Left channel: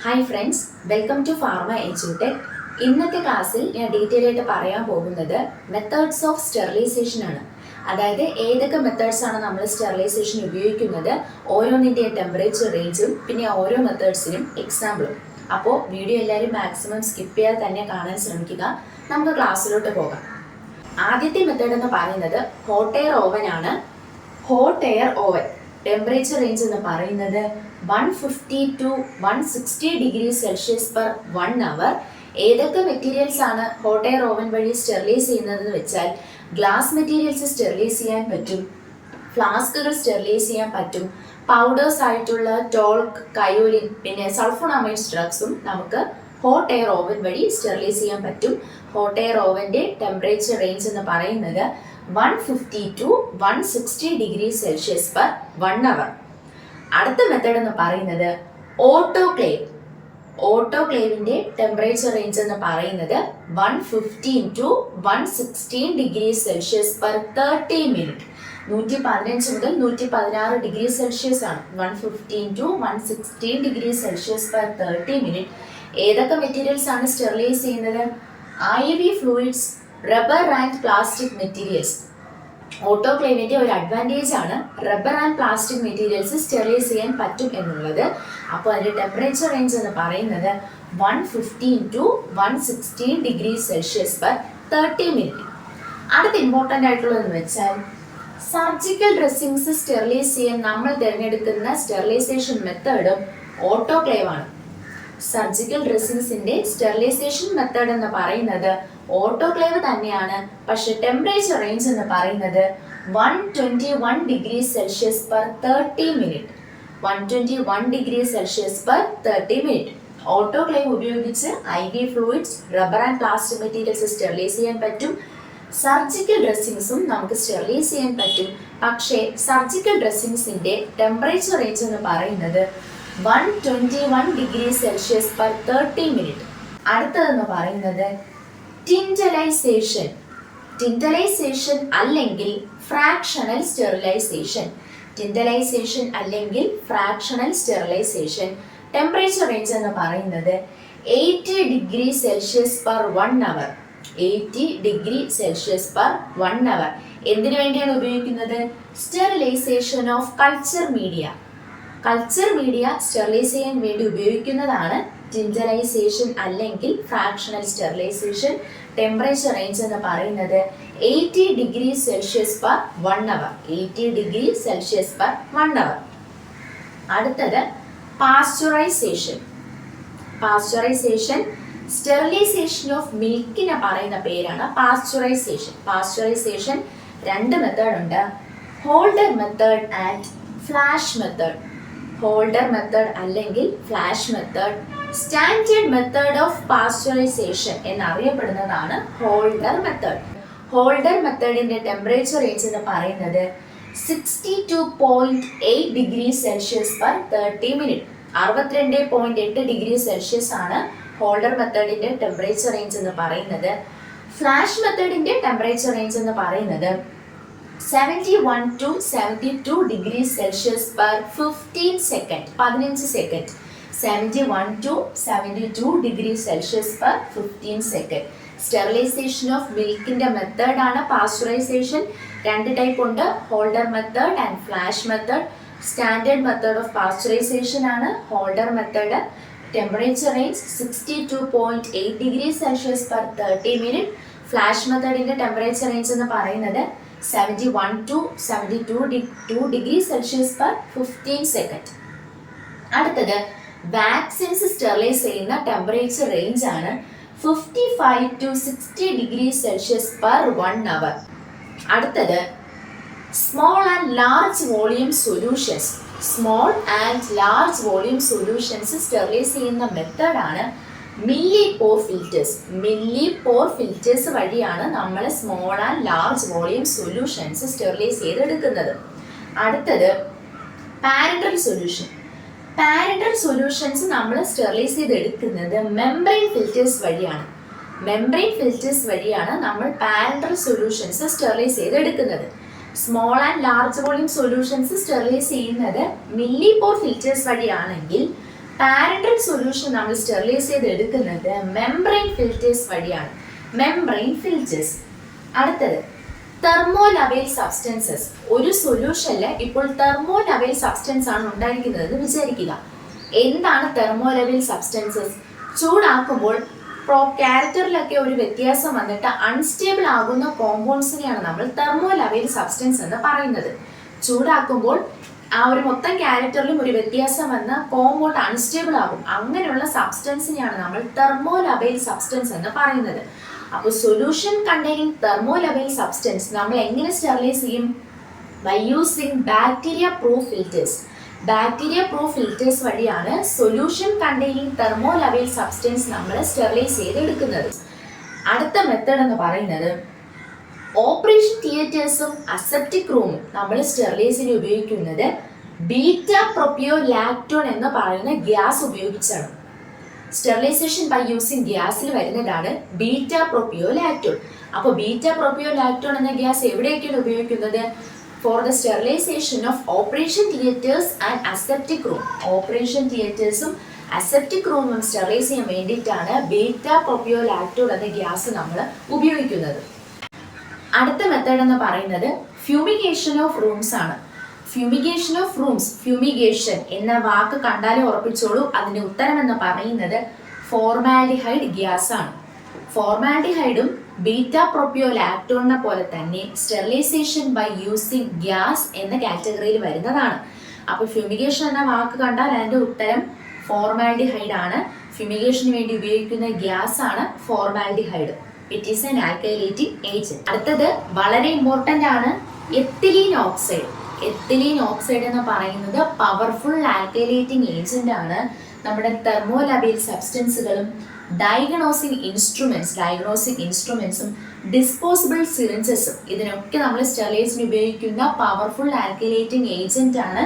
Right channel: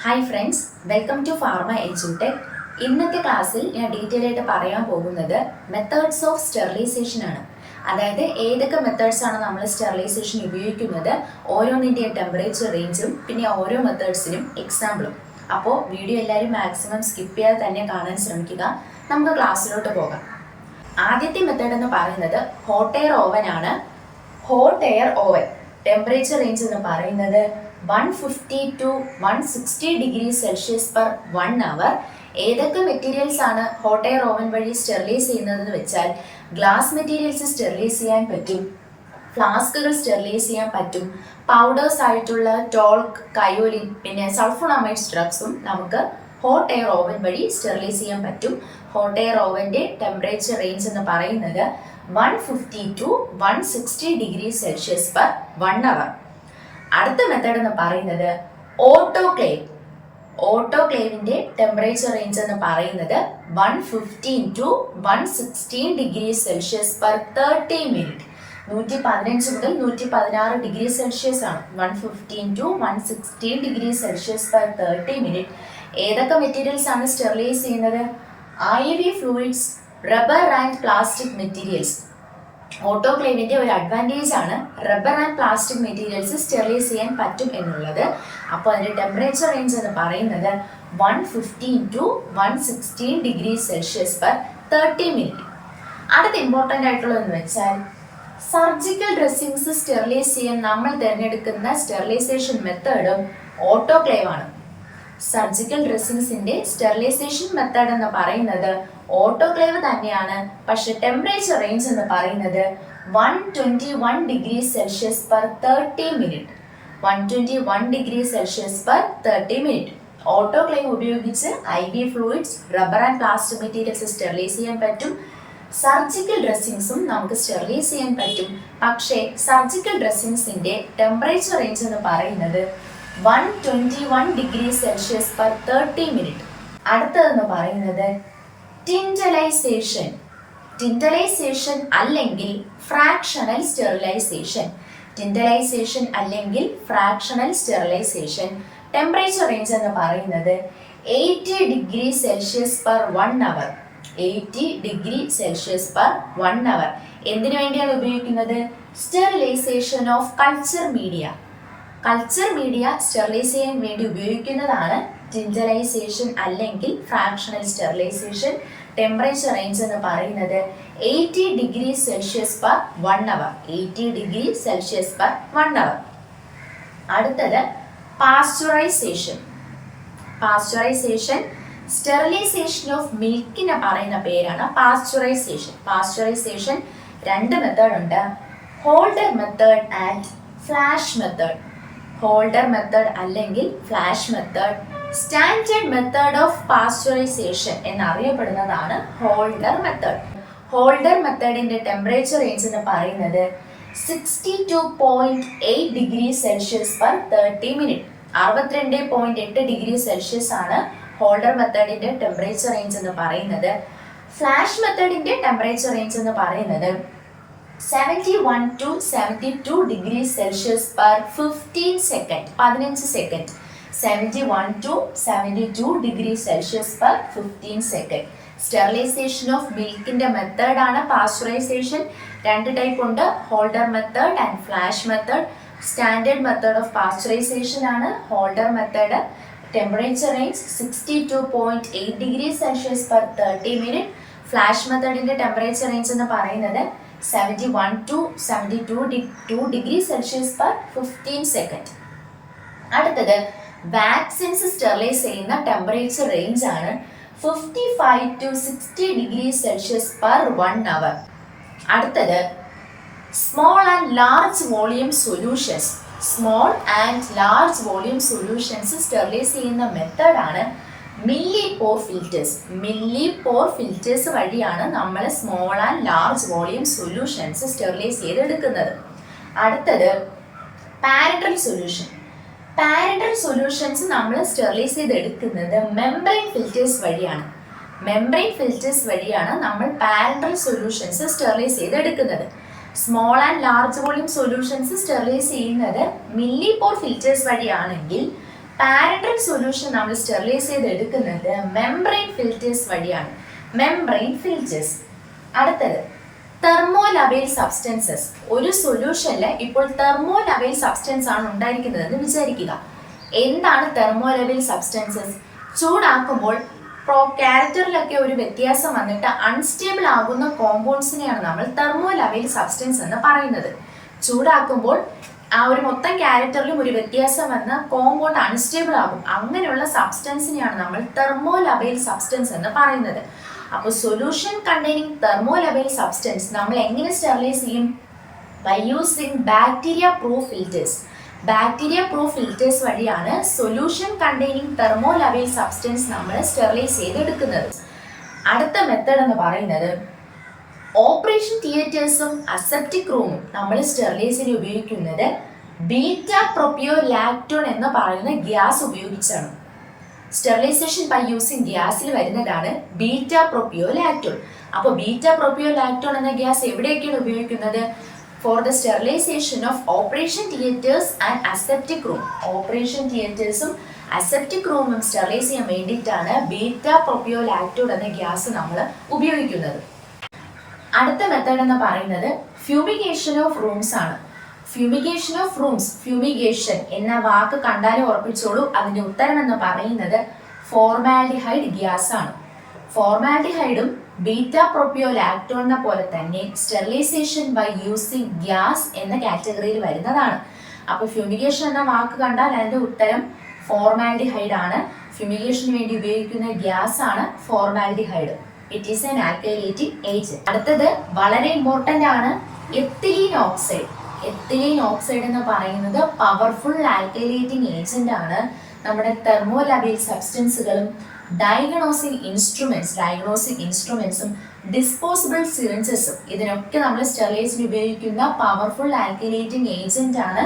Hi friends, welcome to pharma എജ്യൂടെക്. ഇന്നത്തെ ക്ലാസ്സിൽ ഞാൻ ഡീറ്റെയിൽ ആയിട്ട് പറയാൻ പോകുന്നത് മെത്തേഡ്സ് ഓഫ് സ്റ്റെറിലൈസേഷൻ ആണ്. അതായത് ഏതൊക്കെ മെത്തേഡ്സ് ആണ് നമ്മൾ സ്റ്റെറിലൈസേഷൻ ഉപയോഗിക്കുന്നത്, ഓരോന്നിൻ്റെയും ടെമ്പറേച്ചർ റേഞ്ചും പിന്നെ ഓരോ മെത്തേഡ്സിനും എക്സാമ്പിളും. അപ്പോൾ വീഡിയോ എല്ലാവരും മാക്സിമം സ്കിപ്പ് ചെയ്യാതെ തന്നെ കാണാൻ ശ്രമിക്കുക. നമുക്ക് ക്ലാസ്സിലോട്ട് പോകാം. ആദ്യത്തെ മെത്തേഡ് എന്ന് പറയുന്നത് ഹോട്ട് എയർ ഓവൻ ആണ്. Hot air oven temperature range എന്ന് പറയുന്നത് 150 to 160 degree Celsius per 1 hour. ഏതൊക്കെ മെറ്റീരിയൽസ് ആണ് ഹോട്ട് എയർ ഓവൻ വഴി സ്റ്റെറിലൈസ് ചെയ്യുന്നതെന്ന് വെച്ചാൽ ഗ്ലാസ് മെറ്റീരിയൽസ് സ്റ്റെറിലൈസ് ചെയ്യാൻ പറ്റും, ഫ്ലാസ്കുകൾ സ്റ്റെറിലൈസ് ചെയ്യാൻ പറ്റും, പൗഡേഴ്സ് ആയിട്ടുള്ള ടോൾക്ക്, കയോലിൻ പിന്നെ സൾഫോണമൈഡ്സ് ഡ്രഗ്സും നമുക്ക് ഹോട്ട് എയർ ഓവൻ വഴി സ്റ്റെറിലൈസ് ചെയ്യാൻ പറ്റും. ഹോട്ട് എയർ ഓവൻ്റെ ടെമ്പറേച്ചർ റേഞ്ച് എന്ന് പറയുന്നത് 150 to 160 degree Celsius per 1 hour. അടുത്ത മെത്തേഡ് എന്ന് പറയുന്നത് ഓട്ടോക്ലേവ്. ഓട്ടോക്ലേവിന്റെ ടെമ്പറേച്ചർ റേഞ്ച് എന്ന് പറയുന്നത് 115 to 116 degree Celsius per 30 minute. 115 മുതൽ 116 ഡിഗ്രി സെൽഷ്യസ് ആണ്. 115 to 116 degree Celsius per 30 minute. ഏതൊക്കെ മെറ്റീരിയൽസ് ആണ് സ്റ്റെറിലൈസ് ചെയ്യുന്നത്? IV fluids, rubber and plastic materials. ഓട്ടോക്ലേവിന്റെ ഒരു അഡ്വാൻറ്റേജ് ആണ് rubber and plastic materials sterilise ചെയ്യാൻ പറ്റും എന്നുള്ളത്. അപ്പോൾ അതിന്റെ ടെമ്പറേച്ചർ റേഞ്ച് എന്ന് പറയുന്നത് 115 to 116 degree Celsius per 30 minute. അടുത്ത ഇമ്പോർട്ടൻ്റ് ആയിട്ടുള്ളതെന്ന് വെച്ചാൽ സർജിക്കൽ ഡ്രസ്സിങ്സ് സ്റ്റെറിലൈസ് ചെയ്യാൻ നമ്മൾ തിരഞ്ഞെടുക്കുന്ന സ്റ്റെറിലൈസേഷൻ മെത്തേഡും ഓട്ടോക്ലേവ് ആണ്. സർജിക്കൽ ഡ്രസ്സിങ്സിന്റെ സ്റ്റെറിലൈസേഷൻ മെത്തേഡ് എന്ന് പറയുന്നത് ഓട്ടോക്ലേവ് തന്നെയാണ്. പക്ഷെ ടെമ്പറേച്ചർ റേഞ്ച് എന്ന് പറയുന്നത് 121 degree Celsius per 30 minute. 121 degree Celsius per 30 minute. Autoclave ഉപയോഗിച്ച് IV fluids, rubber and plastic materials sterilise ചെയ്യാൻ പറ്റും. സർജിക്കൽ ഡ്രസ്സിങ്സും നമുക്ക് സ്റ്റെറിലൈസ് ചെയ്യാൻ പറ്റും. പക്ഷേ സർജിക്കൽ ഡ്രസ്സിങ്സിന്റെ ടെമ്പറേച്ചർ റേഞ്ച് എന്ന് പറയുന്നത് 121 ഡിഗ്രി സെൽഷ്യസ് പെർ 30 മിനിറ്റ്. അടുത്തതെന്ന് പറയുന്നത് ടിൻഡലൈസേഷൻ. ടിൻഡലൈസേഷൻ അല്ലെങ്കിൽ ഫ്രാക്ഷണൽ സ്റ്റെറിലൈസേഷൻ. ടിൻഡലൈസേഷൻ അല്ലെങ്കിൽ ഫ്രാക്ഷണൽ സ്റ്റെറിലൈസേഷൻ ടെമ്പറേച്ചർ റേഞ്ച് എന്ന് പറയുന്നത് 80 degree Celsius per 1 hour. 80 degree Celsius per 1 hour. എന്തിനു വേണ്ടിയാണ് ഉപയോഗിക്കുന്നത്? Sterilisation of culture media. Culture media sterilise ചെയ്യാൻ വേണ്ടി ഉപയോഗിക്കുന്നതാണ് ടിൻഡലൈസേഷൻ അല്ലെങ്കിൽ ഫ്രാക്ഷണൽ സ്റ്റെറിലൈസേഷൻ. ടെമ്പറേച്ചർ റേഞ്ച് എന്ന് പറയുന്നത് 80 degree Celsius per 1 hour. 80 degree Celsius per 1 hour. അടുത്തത് പാസ്ചറൈസേഷൻ. പാസ്ചറൈസേഷൻ സ്റ്റെറിലൈസേഷൻ ഓഫ് മിൽക്കിനെ പറയുന്ന പേരാണ് പാസ്ചറൈസേഷൻ. പാസ്ചറൈസേഷൻ രണ്ട് മെത്തേഡ് ഉണ്ട്, holder method and flash method. Holder method അല്ലെങ്കിൽ flash method. Standard method of pasteurisation എന്നറിയപ്പെടുന്നതാണ് ഹോൾഡർ മെത്തേഡ്. ഹോൾഡർ മെത്തേഡിന്റെ temperature range എന്ന് പറയുന്നത് 62.8 degree Celsius per 30 minute. 62.8 degree Celsius ആണ് ഹോൾഡർ മെത്തേഡിന്റെ ടെമ്പറേച്ചർ റേഞ്ച് എന്ന് പറയുന്നത്. ഫ്ലാഷ് മെത്തേഡിന്റെ ടെമ്പറേച്ചർ റേഞ്ച് എന്ന് പറയുന്നത് 71 to 72 degree Celsius per 15 second. 15 second. 71 to 72 degree Celsius per 15 second. Sterilisation of മിൽക്കിന്റെ മെത്തേഡാണ് പാസ്ചറൈസേഷൻ. രണ്ട് ടൈപ്പ് ഉണ്ട്, holder method and flash method. Standard method of pasteurisation ആണ് holder method. Temperature range 62.8 degree Celsius per 30 minute. Flash മെത്തേഡിന്റെ temperature range എന്ന് പറയുന്നത് 71 to 72 degree Celsius per 15 second. അടുത്തത് vaccines sterilise ചെയ്യുന്ന ടെമ്പറേച്ചർ റേഞ്ച് ആണ് 55 to 60 degree Celsius per 1 hour. അടുത്തത് small and large volume solutions. Small and large volume solutions sterilise ചെയ്യുന്ന മെത്തേഡാണ് milli പോർ filters. Milli പോർ filters വഴിയാണ് നമ്മൾ small and large volume solutions sterilise ചെയ്തെടുക്കുന്നത്. അടുത്തത് പാരന്റൽ സൊല്യൂഷൻ. പാരന്റൽ സൊല്യൂഷൻസ് നമ്മൾ sterilise ചെയ്തെടുക്കുന്നത് membrane ഫിൽറ്റേഴ്സ് വഴിയാണ്. മെംബ്രെയിൻ ഫിൽറ്റേഴ്സ് വഴിയാണ് നമ്മൾ പാരന്റൽ സൊല്യൂഷൻസ് സ്റ്റെറിലൈസ് ചെയ്തെടുക്കുന്നത്. Small and large volume solutions sterilise ചെയ്യുന്നത് മില്ലി പോർ ഫിൽറ്റേഴ്സ് വഴിയാണെങ്കിൽ പാരന്റൽ സൊല്യൂഷൻ നമ്മൾ സ്റ്റെറിലൈസ് ചെയ്ത് എടുക്കുന്നത് മെംബ്രെയിൻ ഫിൽറ്റേഴ്സ് വഴിയാണ്. Membrane filters. അടുത്തത് തെർമോലബൈൽ സബ്സ്റ്റൻസസ്. ഒരു സൊല്യൂഷനിൽ ഇപ്പോൾ തെർമോലബൈൽ സബ്സ്റ്റൻസ് ആണ് ഉണ്ടായിരിക്കുന്നതെന്ന് വിചാരിക്കുക. എന്താണ് തെർമോലബൈൽ സബ്സ്റ്റൻസസ്? ചൂടാക്കുമ്പോൾ ക്യാരക്ടറിലൊക്കെ ഒരു വ്യത്യാസം വന്നിട്ട് അൺസ്റ്റേബിൾ ആകുന്ന കോമ്പൗണ്ട്സിനെയാണ് നമ്മൾ തെർമോലബൈൽ സബ്സ്റ്റൻസ് എന്ന് പറയുന്നത്. ചൂടാക്കുമ്പോൾ ആ ഒരു മൊത്തം ക്യാരക്ടറിലും ഒരു വ്യത്യാസം വന്ന കോമ്പൗണ്ട് അൺസ്റ്റേബിൾ ആകും. അങ്ങനെയുള്ള സബ്സ്റ്റൻസിനെയാണ് നമ്മൾ തെർമോലബൈൽ സബ്സ്റ്റൻസ് എന്ന് പറയുന്നത്. അപ്പോൾ സൊല്യൂഷൻ കണ്ടെയ്നിങ് തെർമോലബൈൽ സബ്സ്റ്റൻസ് നമ്മൾ എങ്ങനെ സ്റ്റെറിലൈസ് ചെയ്യും? By using bacteria proof filters. Bacteria proof filters വഴിയാണ് സൊല്യൂഷൻ കണ്ടെയ്നിങ് തെർമോലബൈൽ സബ്സ്റ്റൻസ് നമ്മൾ സ്റ്റെറിലൈസ് ചെയ്തെടുക്കുന്നത്. അടുത്ത മെത്തേഡ് എന്ന് പറയുന്നത് ഓപ്പറേഷൻ തിയേറ്റേഴ്സും അസെപ്റ്റിക് റൂമും നമ്മൾ സ്റ്റെറിലൈസിന് ഉപയോഗിക്കുന്നത് ബീറ്റ പ്രൊപ്പിയോ ലാക്ടോൺ എന്ന് പറയുന്ന ഗ്യാസ് ഉപയോഗിച്ചാണ്. സ്റ്റെറിലൈസേഷൻ ബൈ യൂസിങ് ഗ്യാസിൽ വരുന്നതാണ് ബീറ്റ പ്രൊപ്പിയോ ലാക്ടോൺ. അപ്പോൾ ബീറ്റ പ്രൊപ്പിയോ ലാക്ടോൺ എന്ന ഗ്യാസ് എവിടെയൊക്കെയാണ് ഉപയോഗിക്കുന്നത്? For the sterilisation of operation theatres and aseptic room. Operation തിയേറ്റേഴ്സും അസെപ്റ്റിക് റൂമും സ്റ്റെറിലൈസ് ചെയ്യാൻ വേണ്ടിയിട്ടാണ് ബീറ്റ പ്രൊപ്പിയോ ലാക്ടോൺ എന്ന ഗ്യാസ് നമ്മൾ ഉപയോഗിക്കുന്നത്. അടുത്ത മെത്തേഡ് എന്ന് പറയുന്നത് ഫ്യൂമിഗേഷൻ ഓഫ് റൂംസ് ആണ്. ഫ്യൂമിഗേഷൻ ഓഫ് റൂംസ്, ഫ്യൂമിഗേഷൻ എന്ന വാക്ക് കണ്ടാലേ ഉറപ്പിച്ചോളൂ. അതിന്റെ ഉത്തരം എന്ന് പറയുന്നത് ഫോർമാൽഡിഹൈഡ് ഗ്യാസ് ആണ്. ഫോർമാൽഡിഹൈഡും ബീറ്റ പ്രൊപ്പിയോ ലാക്ടോണിനെ പോലെ തന്നെ സ്റ്റെറിലൈസേഷൻ ബൈ യൂസിങ് ഗ്യാസ് എന്ന കാറ്റഗറിയിൽ വരുന്നതാണ്. അപ്പോൾ ഫ്യൂമിഗേഷൻ എന്ന വാക്ക് കണ്ടാൽ അതിന്റെ ഉത്തരം ഫോർമാൽഡിഹൈഡ് ആണ്. ഫ്യൂമിഗേഷന് വേണ്ടി ഉപയോഗിക്കുന്ന ഗ്യാസ് ആണ് formaldehyde. It is an alkylating agent. അടുത്തത് വളരെ ഇമ്പോർട്ടന്റ് ആണ്, എത്തിലീൻ ഓക്സൈഡ്. എത്തിലീൻ ഓക്സൈഡ് എന്ന് പറയുന്നത് പവർഫുൾ ആൽക്കൈലേറ്റിംഗ് ഏജന്റ് ആണ്. നമ്മുടെ തെർമോലബൈൽ സബ്സ്റ്റൻസുകളും ഡയഗ്നോസിക് ഇൻസ്ട്രുമെന്റ്സും ഡിസ്പോസിബിൾ സിറിഞ്ചസും ഇതിനൊക്കെ നമ്മൾ സ്റ്റെറിലൈസിന് ഉപയോഗിക്കുന്ന പവർഫുൾ ആൽക്കൈലേറ്റിംഗ് ഏജന്റ് ആണ്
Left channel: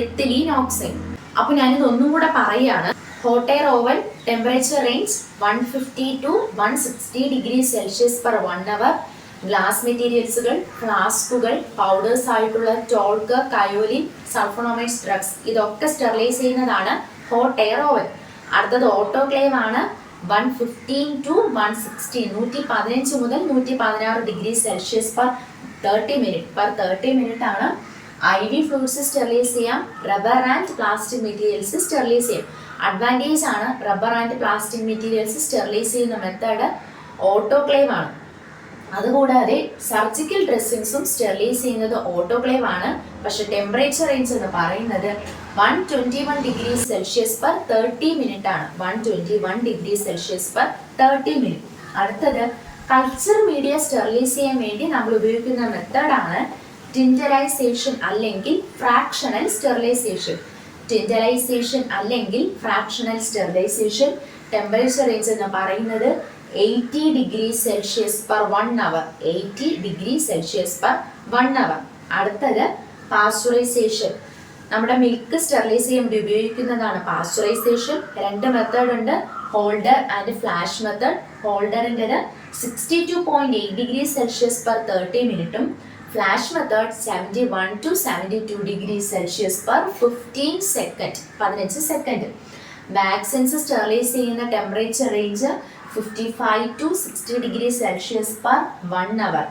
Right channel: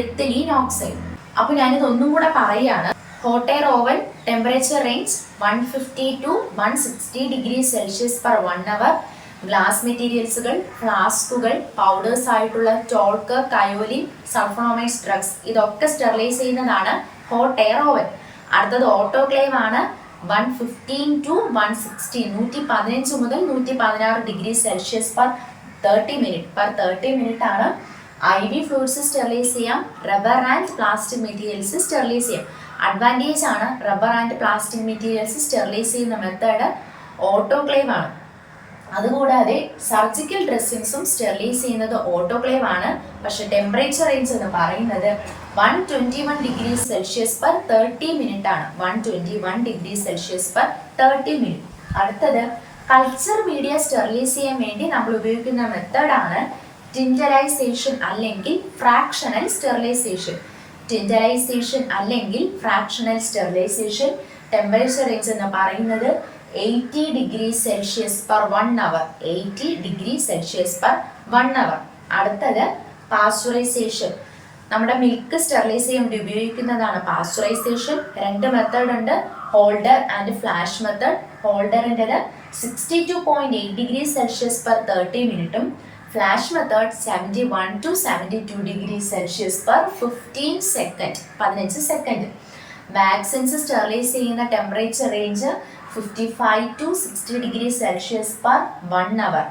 എത്തിലീൻ ഓക്സൈഡ്. അപ്പോൾ ഞാനിത് ഒന്നും കൂടെ പറയുകയാണ്. Hot air oven temperature range 150 to 160 degree Celsius per 1 hour. Glass മെറ്റീരിയൽസുകൾ, ഫ്ലാസ്കുകൾ, പൗഡേഴ്സ് ആയിട്ടുള്ള ടോൾക്ക്, കയോലിൻ, സൾഫോണമൈഡ്സ് ഡ്രഗ്സ് ഇതൊക്കെ സ്റ്റെറിലൈസ് ചെയ്യുന്നതാണ് ഹോട്ട് എയർ ഓവൻ. അടുത്തത് ഓട്ടോക്ലേവ് ആണ്. 115 to 160 115 മുതൽ 116 ഡിഗ്രി സെൽഷ്യസ് പെർ 30 മിനിറ്റ് ആണ്. IV ഫ്ലൂയിഡ്സ് സ്റ്റെറിലൈസ് ചെയ്യാം. Rubber and plastic materials sterilise ചെയ്യാം. അഡ്വാൻറ്റേജ് ആണ് rubber and plastic materials sterilise ചെയ്യുന്ന മെത്തേഡ് ഓട്ടോക്ലേവ് ആണ്. അതുകൂടാതെ സർജിക്കൽ ഡ്രസ്സിങ്സും സ്റ്റെറിലൈസ് ചെയ്യുന്നത് ഓട്ടോക്ലേവ് ആണ്. പക്ഷെ ടെമ്പറേച്ചർ റേഞ്ച് എന്ന് പറയുന്നത് 121 ഡിഗ്രി സെൽഷ്യസ് പെർ 30 മിനിറ്റ് ആണ്. 121 ഡിഗ്രി സെൽഷ്യസ് പെർ 30 മിനിറ്റ്. അടുത്തത് കൾച്ചർ മീഡിയ സ്റ്റെറിലൈസ് ചെയ്യാൻ വേണ്ടി നമ്മൾ ഉപയോഗിക്കുന്ന മെത്തേഡാണ് ടിൻഡറൈസേഷൻ അല്ലെങ്കിൽ ഫ്രാക്ഷണൽ സ്റ്റെറിലൈസേഷൻ. ടിൻഡറൈസേഷൻ അല്ലെങ്കിൽ ഫ്രാക്ഷണൽ സ്റ്റെറിലൈസേഷൻ. ടെമ്പറേച്ചർ റേഞ്ച് എന്ന് പറയുന്നത് 80 degree Celsius per 1 hour. 80 degree Celsius per 1 hour. അടുത്തത് പാസ്ചറൈസേഷൻ. നമ്മുടെ മിൽക്ക് സ്റ്റെറിലൈസ് ചെയ്യാൻ വേണ്ടി ഉപയോഗിക്കുന്നതാണ് പാസ്ചറൈസേഷൻ. 2 മെത്തേഡ് ഉണ്ട്, ഹോൾഡർ ആൻഡ് ഫ്ലാഷ് മെത്തേഡ്. ഹോൾഡറിൻ്റെത് 62.8 ഡിഗ്രി സെൽഷ്യസ് പെർ 30 മിനിറ്റും flash method 71 to 72 degree Celsius per 15 second. Vaccines sterilise ചെയ്യുന്ന temperature range 55 to 60 degree Celsius per 1 hour.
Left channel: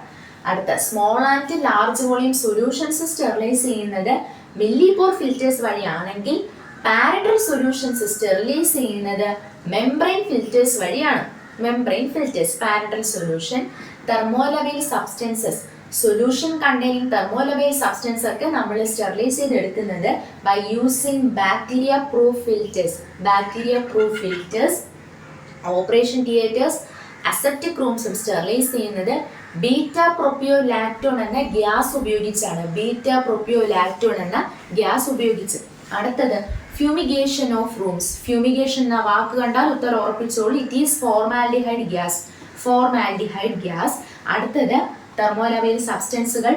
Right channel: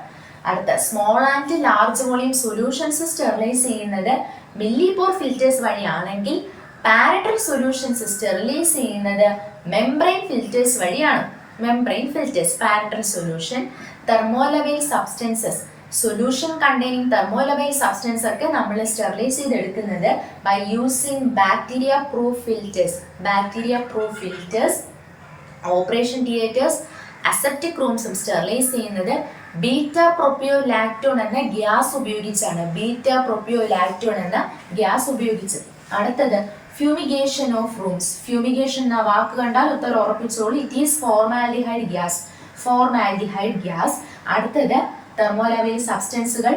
അടുത്ത small and large volume solutions sterilise ചെയ്യുന്നത് മില്ലിപോർ filters വഴിയാണെങ്കിൽ parenteral solutions sterilise ചെയ്യുന്നത് membrane ഫിൽറ്റേഴ്സ് വഴിയാണ്. Membrane filters, parenteral solution, thermolabile substances, solution containing thermolabile substance ഒക്കെ നമ്മൾ sterilise ചെയ്തെടുക്കുന്നത് by using bacteria proof filters. Operation theatres, aseptic റൂംസും സ്റ്റെറിലൈസ് ചെയ്യുന്നത് ബീറ്റ പ്രൊപ്പിയോ ലാക്ടോൺ എന്ന ഗ്യാസ് ഉപയോഗിച്ച്. അടുത്തത് ഫ്യൂമിഗേഷൻ ഓഫ് റൂംസ്. ഫ്യൂമിഗേഷൻ എന്ന വാക്ക് കണ്ടാൽ ഉത്തരം ഉറപ്പിച്ചോളൂ. It is formaldehyde gas. അടുത്തത് തെർമോലബൈൽ സബ്സ്റ്റൻസുകൾ,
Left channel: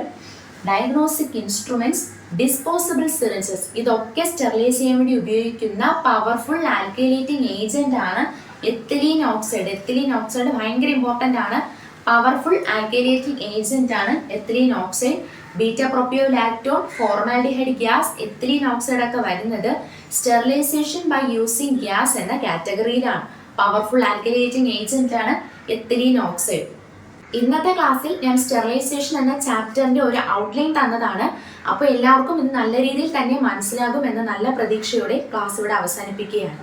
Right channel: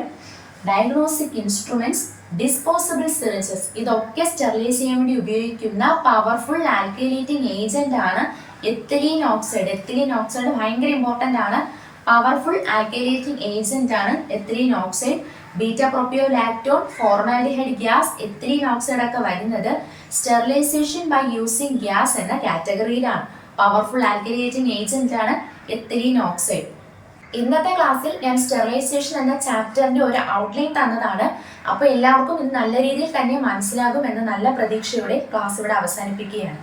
ഡയഗ്നോസ്റ്റിക് ഇൻസ്ട്രുമെന്റ്സ്, ഡിസ്പോസിബിൾ സിറിഞ്ചസ് ഇതൊക്കെ സ്റ്റെറിലൈസ് ചെയ്യാൻ വേണ്ടി ഉപയോഗിക്കുന്ന പവർഫുൾ ആൽക്കൈലേറ്റിംഗ് ഏജന്റ് ആണ് എത്തിലീൻ ഓക്സൈഡ് ഭയങ്കര ഇമ്പോർട്ടന്റ് ആണ്. പവർഫുൾ ആൽക്കൈലേറ്റിംഗ് ഏജന്റ് ആണ് ethylene oxide. Beta propiolactone, formaldehyde gas, ethylene oxide ഒക്കെ വരുന്നത് സ്റ്റെറിലൈസേഷൻ ബൈ യൂസിങ് ഗ്യാസ് എന്ന കാറ്റഗറിയിലാണ്. പവർഫുൾ ആൽക്കലിയേറ്റിംഗ് ഏജന്റ് ആണ് എത്തിലീൻ ഓക്സൈഡ്. ഇന്നത്തെ ക്ലാസ്സിൽ ഞാൻ സ്റ്റെറിലൈസേഷൻ എന്ന ചാപ്റ്ററിന്റെ ഒരു ഔട്ട്ലൈൻ തന്നതാണ്. അപ്പോൾ എല്ലാവർക്കും ഇത് നല്ല രീതിയിൽ തന്നെ മനസ്സിലാകും എന്ന നല്ല പ്രതീക്ഷയോടെ ക്ലാസ് ഇവിടെ അവസാനിപ്പിക്കുകയാണ്.